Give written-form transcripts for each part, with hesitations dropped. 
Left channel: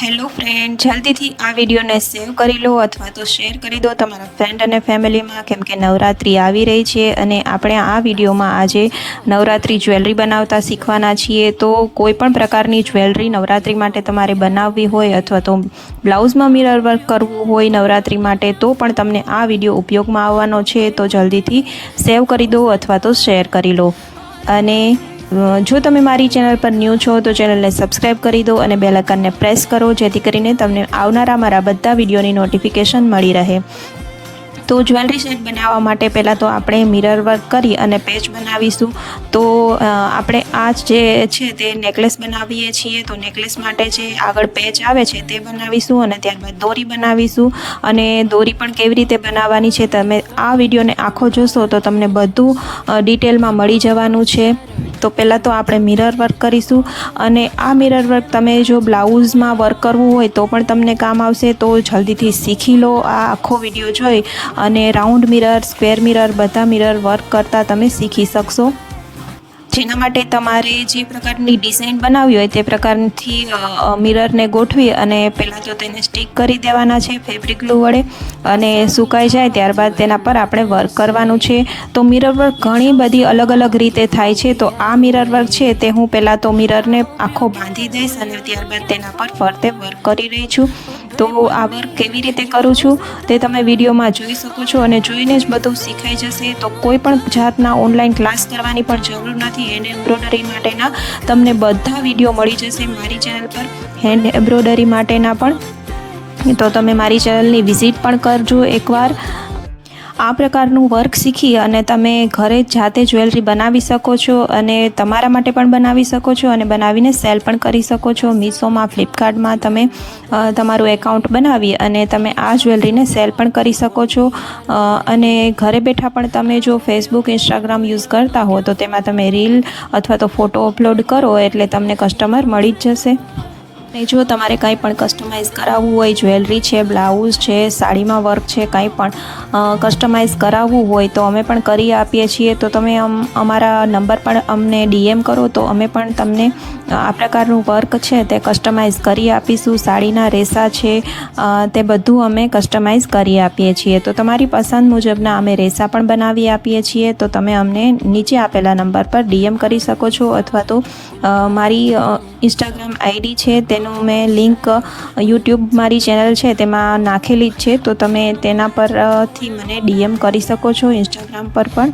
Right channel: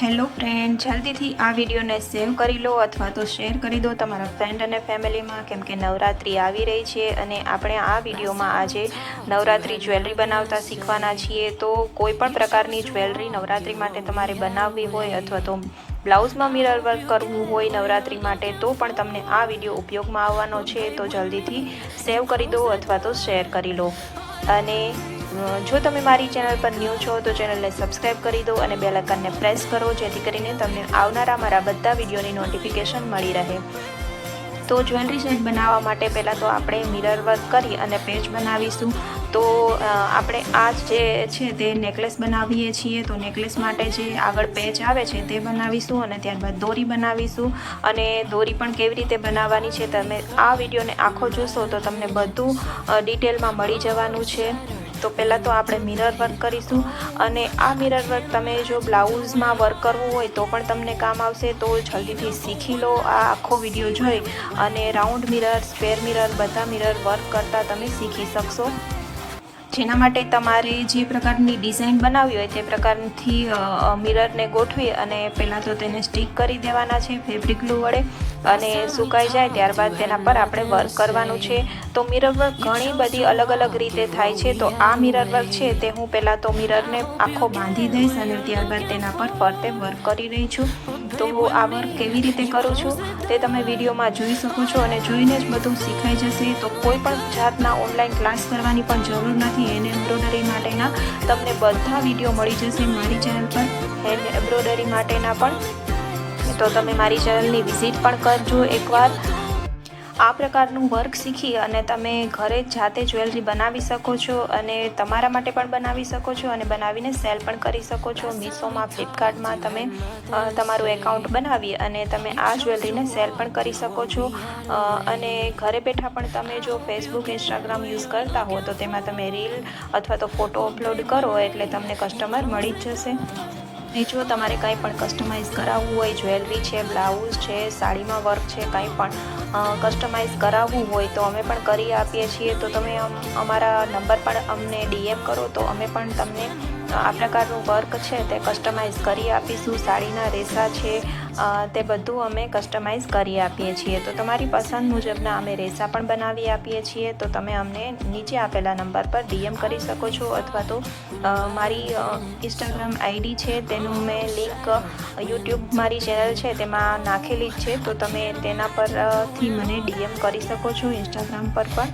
Hello friend, જલ્દીથી આ વિડીયોને સેવ કરી લો અથવા તો શેર કરી દો તમારા ફ્રેન્ડ અને ફેમિલીમાં, કેમ કે નવરાત્રિ આવી રહી છે અને આપણે આ વિડીયોમાં આજે નવરાત્રિ જ્વેલરી બનાવતા શીખવાના છીએ. તો કોઈ પણ પ્રકારની જ્વેલરી નવરાત્રિ માટે તમારે બનાવવી હોય અથવા તો બ્લાઉઝમાં મિરર વર્ક કરવું હોય નવરાત્રિ માટે, તો પણ તમને આ વિડીયો ઉપયોગમાં આવવાનો છે. તો જલ્દીથી સેવ કરી દો અથવા તો શેર કરી લો. અને જો તમે મારી ચેનલ પર ન્યૂ છો તો ચેનલને સબસ્ક્રાઈબ કરી દો અને બેલ આઇકનને પ્રેસ કરો, જેથી કરીને તમને આવનારા મારા બધા વિડીયોની નોટિફિકેશન મળી રહે. તો જ્વેલરી સેટ બનાવવા માટે પહેલાં તો આપણે મિરર વર્ક કરી અને પેચ બનાવીશું. તો આપણે આ જે છે તે નેકલેસ બનાવીએ છીએ, તો નેકલેસ માટે જે આગળ પેચ આવે છે તે બનાવીશું અને ત્યારબાદ દોરી બનાવીશું. અને દોરી પણ કેવી રીતે બનાવવાની છે, તમે આ વિડીયોને આખો જોશો તો તમને બધું ડિટેલમાં મળી જવાનું છે. તો પહેલાં તો આપણે મિરર વર્ક કરીશું. અને આ મિરર વર્ક તમે જો બ્લાઉઝમાં વર્ક કરવું હોય તો પણ તમને કામ આવશે. તો જલ્દીથી શીખી લો આ આખો વિડીયો જોઈ અને રાઉન્ડ મિરર, સ્ક્વેર મિરર, બધા મિરર વર્ક કરતાં તમે શીખી શકશો. જેના માટે તમારે જે પ્રકારની ડિઝાઇન બનાવવી હોય તે પ્રકારથી મિરરને ગોઠવી અને પહેલાં તો તેને સ્ટિક કરી દેવાના છે ફેબ્રિક ગ્લુ વડે, અને સુકાઈ જાય ત્યારબાદ તેના પર આપણે વર્ક કરવાનું છે. તો મિરર વર્ક ઘણી બધી અલગ અલગ રીતે થાય છે. તો આ મિરર વર્ક છે તે હું પહેલાં તો મિરરને આખો બાંધી દઈશ અને ત્યારબાદ તેના પર ફરતે વર્ક કરી રહી છું. તો આ વર્ક કેવી રીતે કરું છું તે તમે વિડીયોમાં જોઈ શકો છો અને જોઈને જ બધું શીખાઈ જશે. તો કોઈ પણ જાતના ઓનલાઈન ક્લાસ કરવાની પણ જરૂર નથી. હેન્ડ એમ્બ્રોઇડરી માટેના તમને બધા વિડીયો મળી જશે મારી ચેનલ પર, હેન્ડ એમ્બ્રોઇડરી માટેના પણ. તો તમે મારી ચેનલની વિઝિટ પણ કરજો એકવાર. આ પ્રકારનું વર્ક શીખી અને તમે ઘરે જાતે જ્વેલરી બનાવી શકો છો અને તમારા માટે પણ બનાવી શકો છો અને બનાવીને સેલ પણ કરી શકો છો. મીશોમાં, ફ્લિપકાર્ટમાં તમે તમારું એકાઉન્ટ બનાવી અને તમે આ જ્વેલરીને સેલ પણ કરી શકો છો. અને ઘરે બેઠા પણ તમે જો ફેસબુક, ઇન્સ્ટાગ્રામ યુઝ કરતા હો તો તેમાં તમે રીલ અથવા તો ફોટો અપલોડ કરો એટલે તમને કસ્ટમર મળી જ જશે. અને જો તમારે કંઈ પણ કસ્ટમાઇઝ કરાવવું હોય, જ્વેલરી છે, બ્લાઉઝ છે, સાડીમાં વર્ક છે, કંઈ પણ કસ્ટમાઇઝ કરાવવું હોય તો અમે પણ કરી આપીએ છીએ. તો તમે અમારા નંબર પર અમને DM કરો તો અમે પણ તમને આ પ્રકારનું વર્ક છે તે કસ્ટમાઇઝ કરી આપીશું. સાડીના રેસા છે તે બધું અમે કસ્ટમાઇઝ કરી આપીએ છીએ. તો તમારી પસંદ મુજબના અમે રેસા પણ બનાવી આપીએ છીએ. તો તમે અમને નીચે આપેલા નંબર પર DM કરી શકો છો અથવા તો મારી ઇન્સ્ટાગ્રામ ID છે તેનું મેં લિંક યુટ્યુબ મારી ચેનલ છે તેમાં નાખેલી જ છે. તો તમે તેના પરથી મને DM કરી શકો છો, ઇન્સ્ટાગ્રામ પર પણ.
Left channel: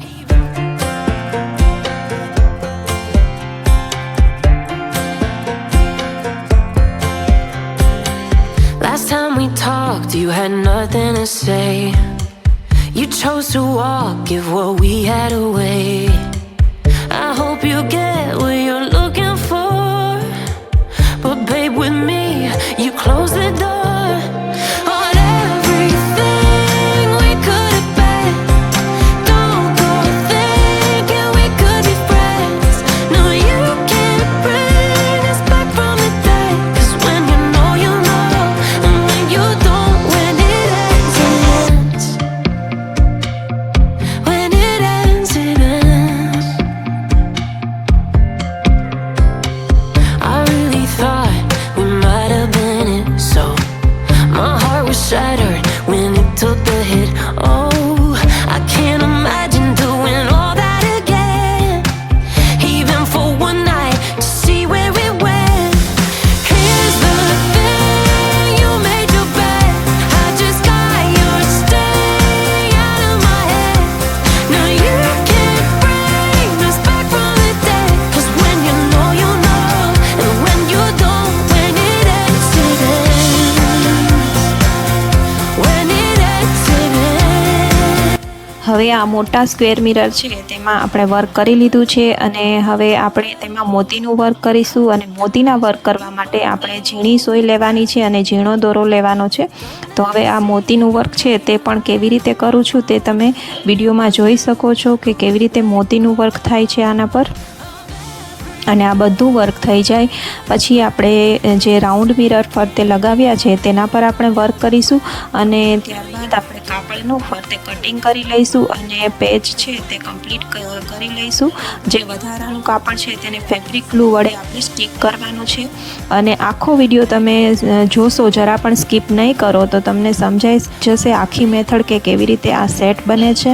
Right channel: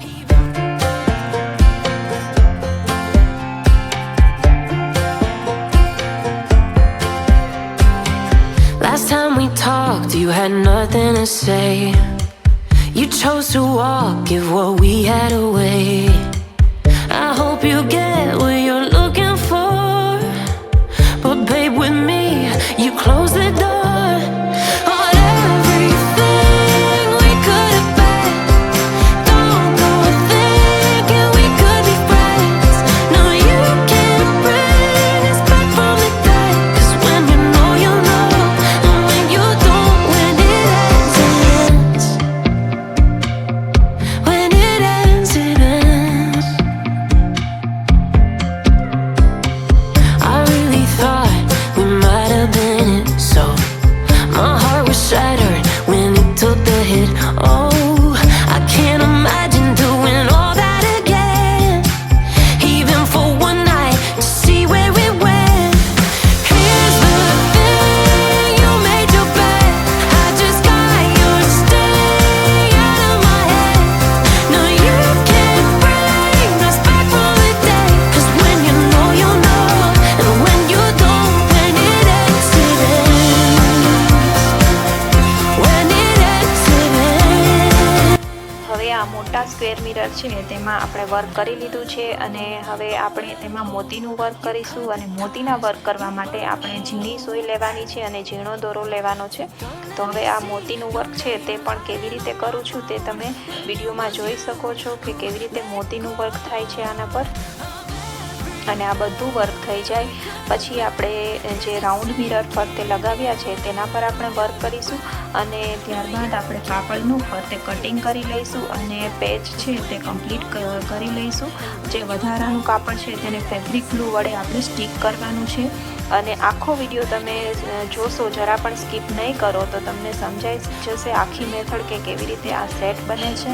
Last time we talked, you had nothing to say. You chose to walk, give what we had away. I hope you get what you're looking for, but babe, with me, you close the door on everything we could have been. Don't go thinking we could be friends. No, you can't bring us back from the dead. 'Cause when you know, you know. And when you don't, when it ends, it ends. When it ends, it ends. I really thought we might have been it, so my heart was shattered when it took the hit. Oh, I can't imagine doing all that again, even for one night, to see where it went. Here's the thing, you made your bed, I just got your stay out of my head. No, you can't bring us back from the dead. 'Cause when you know, you know. And when you don't, when it ends, it ends. When it ends, it ends. હવે આ મોટા square mirror છે તેમાં આપણે work કરી લીધું છે અને હવે આપણે તેમાં મોતીનું વર્ક કરીશું. અને મોતીના વર્ક કરવા માટે આપણે ઝીણી સોય લેવાની છે અને ઝીણો દોરો લેવાનો છે. તો હવે આ મોતીનું વર્ક છે તે પણ કેવી રીતે કરું છું તે તમે વિડીયોમાં જોઈ શકો છો કે કેવી રીતે મોતીનું વર્ક થાય છે આના પર. અને આ બધું વર્ક થઈ જાય પછી આપણે જે રાઉન્ડ મિરર ફરતે લગાવ્યા છે તેના પર આપણે વર્ક કરીશું અને ત્યારબાદ આપણે કાપડનું ફરતે કટિંગ કરી લઈશું અને પેચ છે તે કમ્પ્લીટ કરી લઈશું. જે વધારાનું કાપડ છે તેને ફેબ્રિક ગ્લુ વડે આપણે સ્ટીક કરવાનું છે અને આખો વિડીયો તમે જોશો, જરા પણ સ્કીપ નહીં કરો તો તમને સમજાઈ જશે આખી મેથડ કે કેવી રીતે આ સેટ બને છે.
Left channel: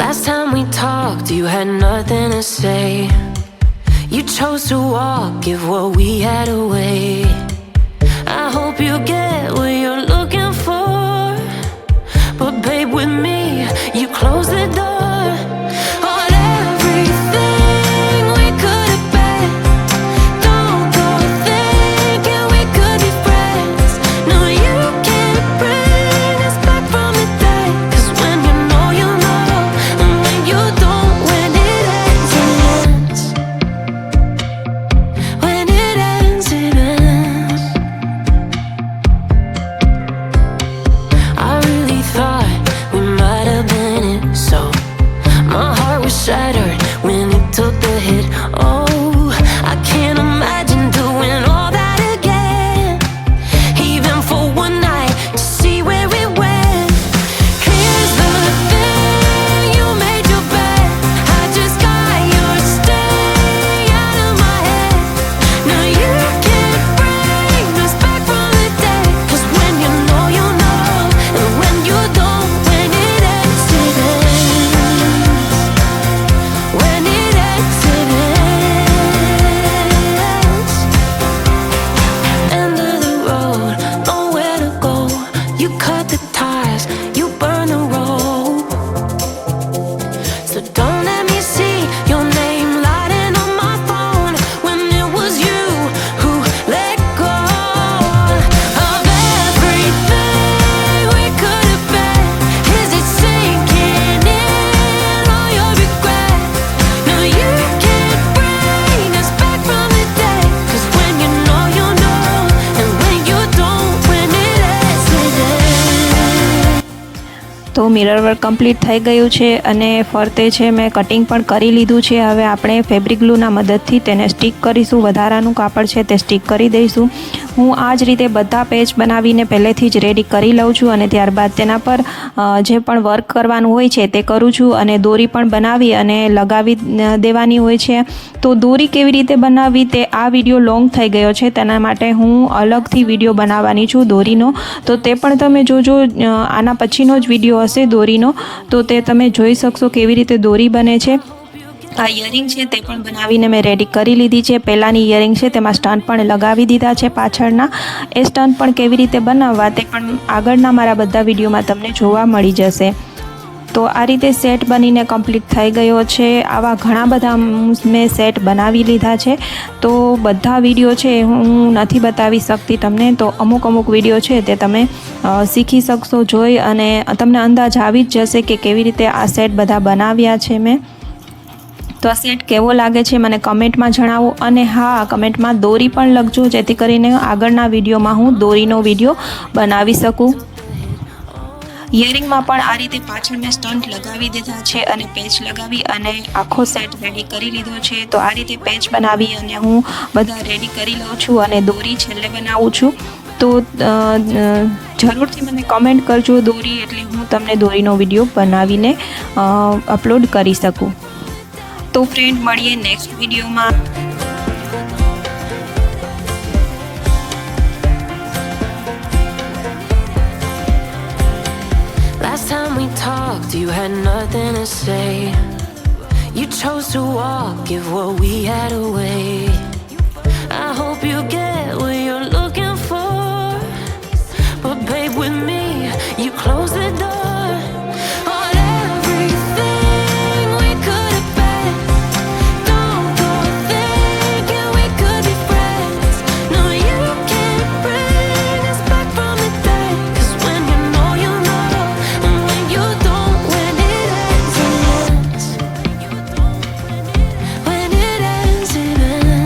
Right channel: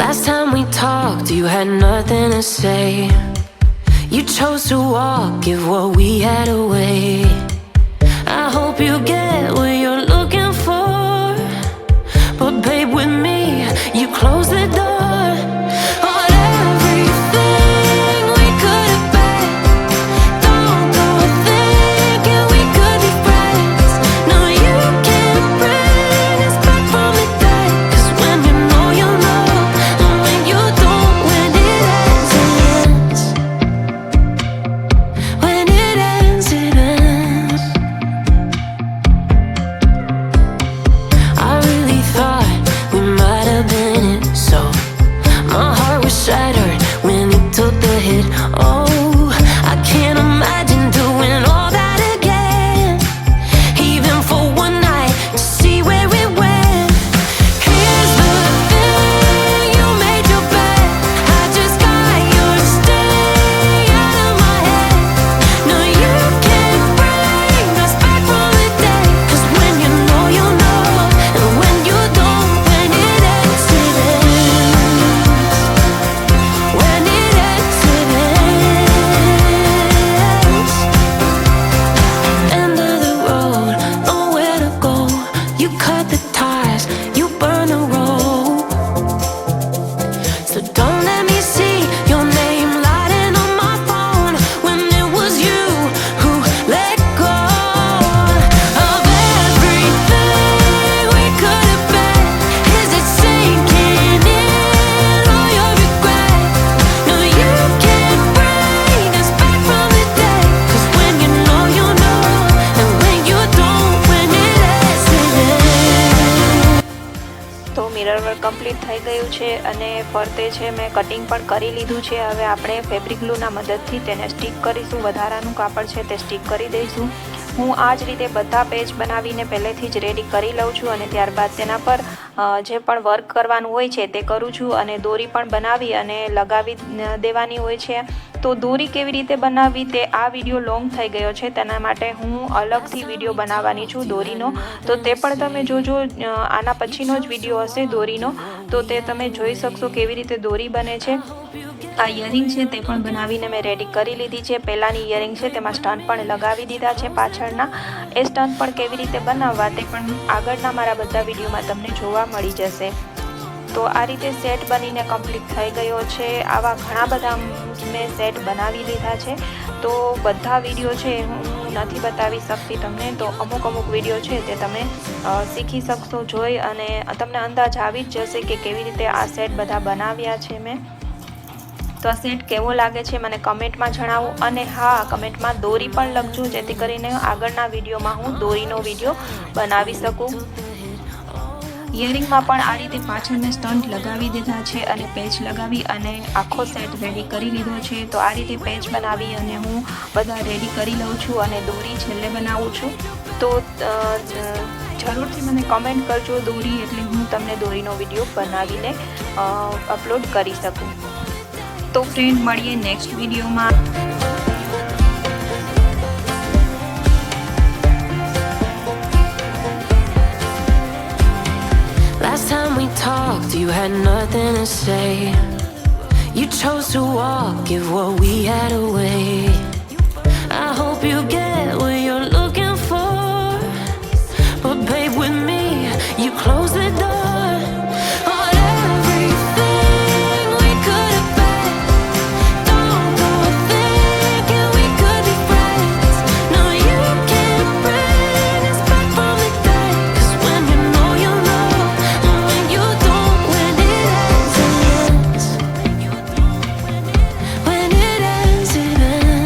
Last time we talked, you had nothing to say. You chose to walk, give what we had away. I hope you get what you're looking for, but babe, with me, you close the door on everything we could have been. Don't go thinking we could be friends. No, you can't bring us back from the dead. 'Cause when you know, you know, and when you don't, when it ends, it ends. When it ends, it ends. I really thought we might have been it, so my heart was shattered when it took the hit. Oh, I can't imagine doing all that again, even for one night to see where it went. Here's the thing, you made your bed, I just got your stay out of my head. No, you can't bring us back from the dead. 'Cause when you know, you know, and when you don't, when it ends, it ends. When it ends, it ends. End of the road, nowhere to go. You cut the ties, you burn the rope. So don't let me see your name lighting on my phone when it was you who let go of everything we could have been. Is it sinking in all your regret? No, you can't bring us back from the dead. 'Cause when you know, you know, and when you don't, when it ends, it ends. તો mirror work complete થઈ ગયું છે અને ફરતે છે મેં cutting પણ કરી લીધું છે. હવે આપણે ફેબ્રિક ગ્લુના મદદથી તેને સ્ટીક કરીશું. વધારાનું કાપડ છે તે સ્ટીક કરી દઈશું. હું આ જ રીતે બધા પેચ બનાવીને પહેલેથી જ રેડી કરી લઉં છું અને ત્યારબાદ તેના પર જે પણ વર્ક કરવાનું હોય છે તે કરું છું અને દોરી પણ બનાવી અને લગાવી દેવાની હોય છે. તો દોરી કેવી રીતે બનાવવી તે આ વિડીયો લોંગ થઈ ગયો છે, તેના માટે હું અલગથી વિડીયો બનાવવાની છું દોરીનો. તો તે પણ તમે જોજો, આના પછીનો જ વિડીયો હશે દોરીનો, તો તે તમે જોઈ શકશો કેવી રીતે દોરી બને છે. આ ઇયરિંગ છે તે પણ બનાવીને મેં રેડી કરી લીધી છે. પહેલાંની ઇયરિંગ છે તેમાં સ્ટન પણ લગાવી દીધા છે પાછળના. એ સ્ટન પણ કેવી રીતે બનાવવા તે પણ આગળના મારા બધા વિડીયોમાં તમને જોવા મળી જશે. તો આ રીતે સેટ બનીને કમ્પ્લીટ થઈ ગયો છે. આવા ઘણા બધા મેં સેટ બનાવી લીધા છે. તો બધા વિડીયો છે હું નથી બતાવી શકતી તમને, તો અમુક વિડીયો છે તે તમે શીખી શકશો જોઈ અને તમને અંદાજ આવી જ જશે કે કેવી રીતે આ સેટ બધા બનાવ્યા છે મેં. તો આ સેટ કેવો લાગે છે મને કમેન્ટમાં જણાવો અને હા, કમેન્ટમાં દોરી પણ લખજો જેથી કરીને આગળના વિડીયોમાં હું દોરીનો વિડીયો બનાવી શકું. ઇયરિંગમાં પણ આ રીતે પાછળ મેં સ્ટન્ટ લગાવી દીધા છે અને પેચ લગાવી અને આખો સેટ રેડી કરી લીધો છે. તો આ રીતે પેચ બનાવી અને હું બધા રેડી કરી લઉં છું અને દોરી છેલ્લે બનાવું છું. તો જરૂરથી મને કમેન્ટ કરજો દોરી, એટલે હું તમને દોરીનો વિડીયો બનાવીને અપલોડ કરી શકું. તો ફ્રેન્ડ, મળીએ નેક્સ્ટ વિડીયોમાં. Last time we talked, you had nothing to say. You chose to walk, give what we had away.